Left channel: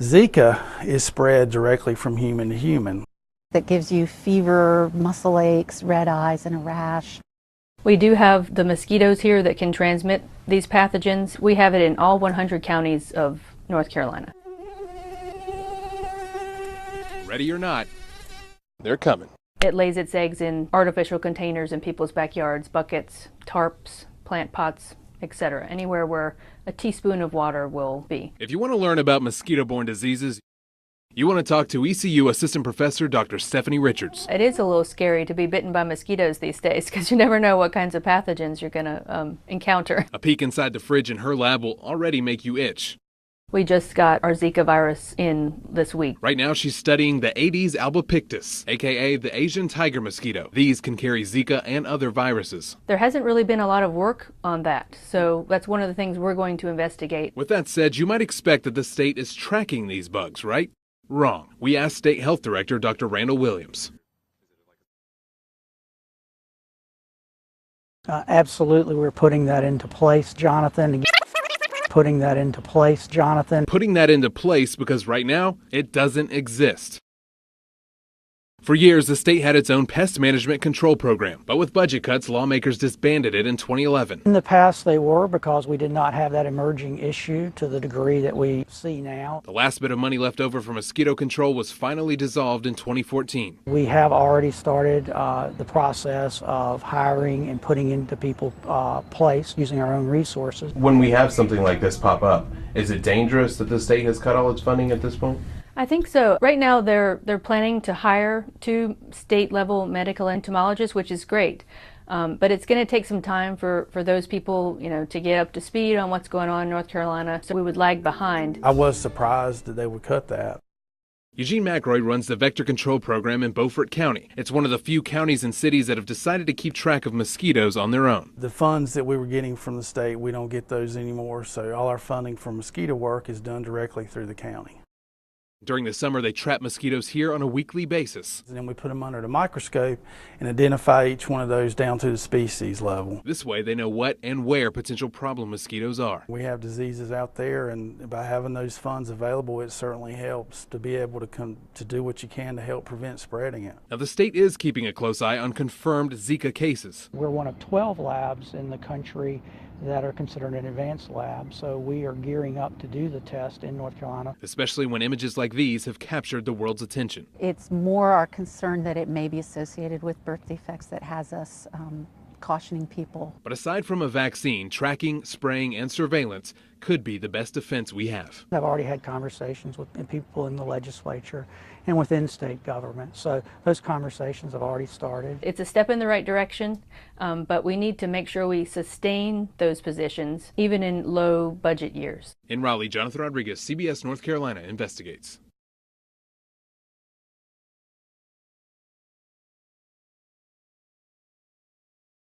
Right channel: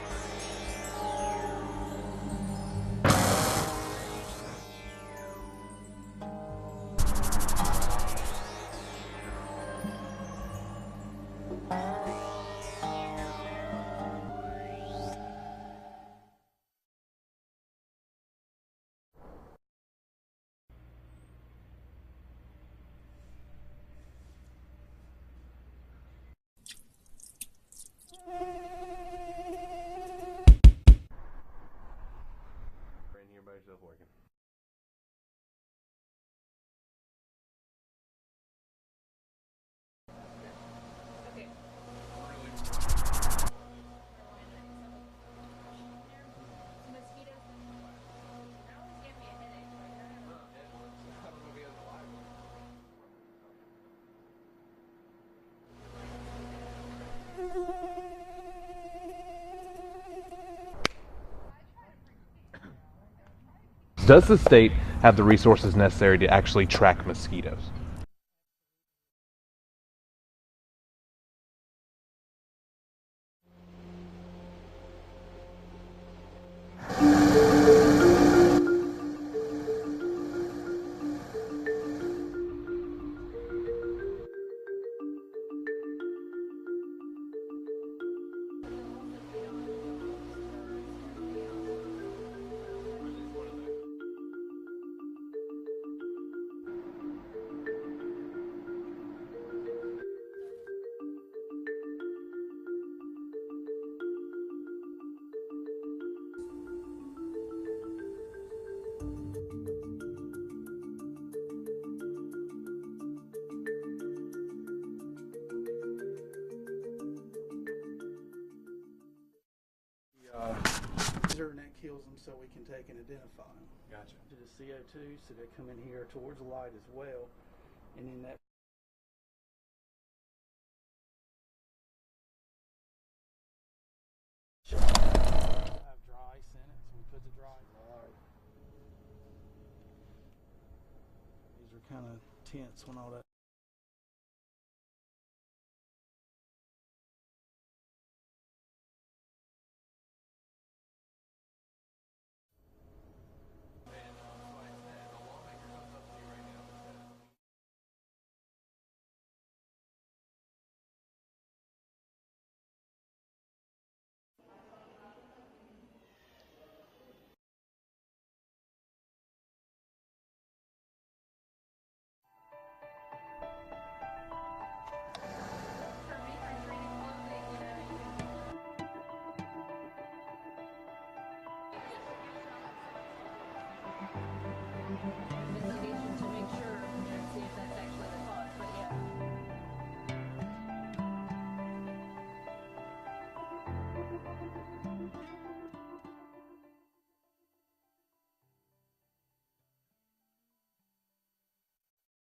Zika is spread directly from human to human. That gives you fever, muscle aches, red eyes, and a rash. We do have the mosquitoes here that can transmit these pathogens. We have it in all 100 counties of North Carolina. Ready or not, they're coming. It lays its eggs in artificial containers in people's backyards, buckets, tarps, plant pots, etc. Anywhere where a teaspoon of water will be. If you want to learn about mosquito-borne diseases, you want to talk to ECU Assistant Professor Dr. Stephanie Richards. It is a little scary to be bitten by mosquitoes these days because you never know what kinds of pathogens you're going to encounter. A peek inside the fridge in her lab will already make you itch. We just got our Zika virus in this week. Right now she's studying the Aedes albopictus, aka the Asian tiger mosquito. These can carry Zika and other viruses. There hasn't really been a lot of work on that, so that's one of the things we're going to investigate. With that said, you might expect that the state is tracking these bugs, right? Wrong. We asked State Health Director Dr. Randall Williams. Does the state have the resources necessary to actually track mosquitoes? Absolutely, we're putting that into place, Jonathan. Putting that into place Because right now, it doesn't exist. For years, the state had its own pest management control program, but with budget cuts, lawmakers disbanded it in 2011. In the past, they were because we did not have that emerging issue to the degree that we see now. The last bit of money left over for mosquito control was finally dissolved in 2014. We have already started the process of hiring and putting into people's place using our own resources. When we have something like this pop up, is it dangerous that the state has cut all its funding at this point? I think so. Right now they're planning to hire 2 state-level medical entomologists, which is great. But it's going to take some time for those people, to get up to speed on what's going on in North Carolina, so we would lag behind. I was surprised that they would cut that. Eugene McRoy runs the Vector Control Program in Beaufort County. It's one of the few counties and cities that have decided to keep track of mosquitoes on their own. The funds that we were getting from the state, we don't get those anymore, so all our funding for mosquito work is done directly through the county. During the summer, they trap mosquitoes here on a weekly basis. And then we put them under the microscope and identify each one of those down to the species level. This way, they know what and where potential problem mosquitoes are. We have diseases out there, and by having those funds available, it certainly helps to be able to do what you can to help prevent spreading it. Now, the state is keeping a close eye on confirmed Zika cases. We're one of 12 labs in the country that are considered an advanced lab, so we are gearing up to do the test in North Carolina. Especially when images like these have captured the world's attention. It's more our concern that it may be associated with birth defects that has us cautioning people. But aside from a vaccine, tracking, spraying, and surveillance could be the best defense we have. I've already had conversations with people in the legislature and within state government, so those conversations have already started. It's a step in the right direction, but we need to make sure we sustain those positions, even in low budget years. In Raleigh, Jonathan Rodriguez, CBS North Carolina investigates.